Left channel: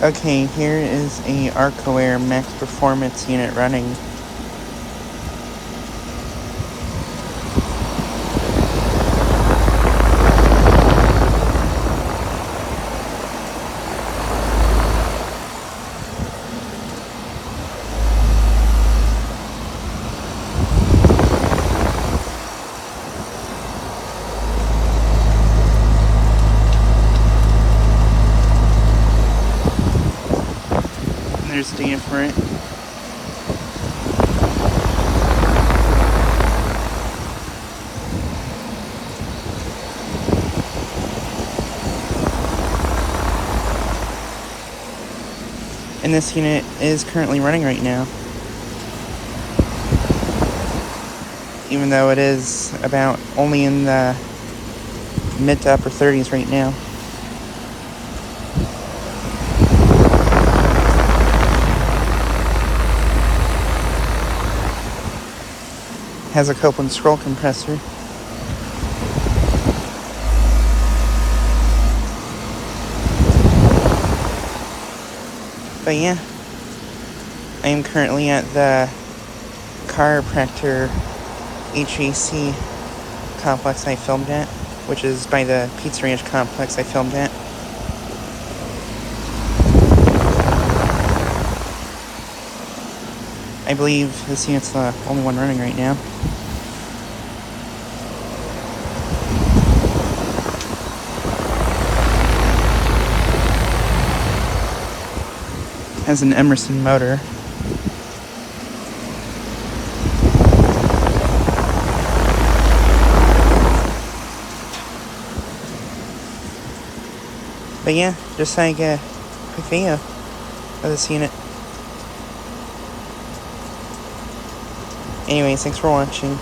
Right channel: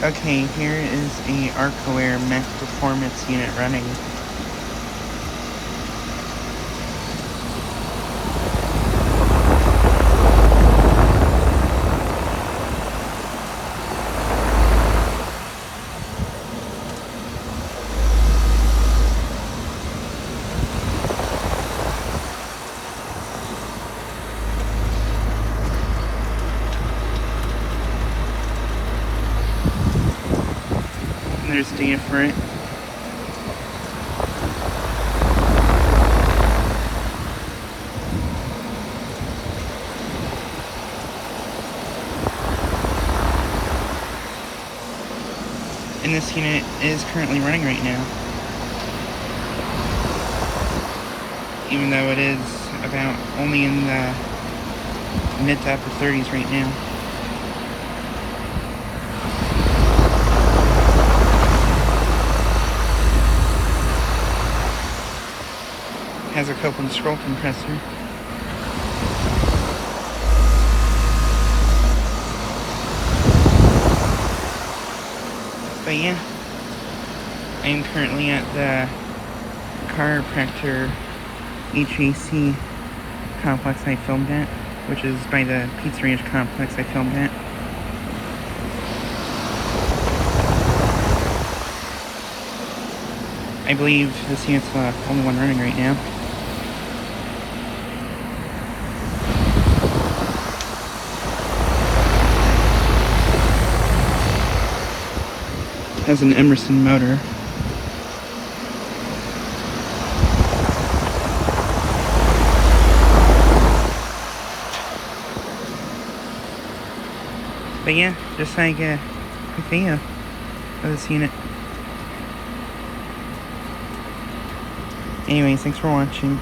Okay, here is a Arcoaire Max Performance unit running. And there's data for it. And this unit is currently running right now. Even though it is about only in the mid to upper 30s right now. Has a Copeland scroll compressor. But yeah, I am currently at the chiropractor HVAC complex I filmed at, which is by the Pizza Ranch complex I filmed at. I believe this unit's the only one running right now. Has an Emerson motor. But yeah, just like a quick video of this unit. Anyways, thanks for watching.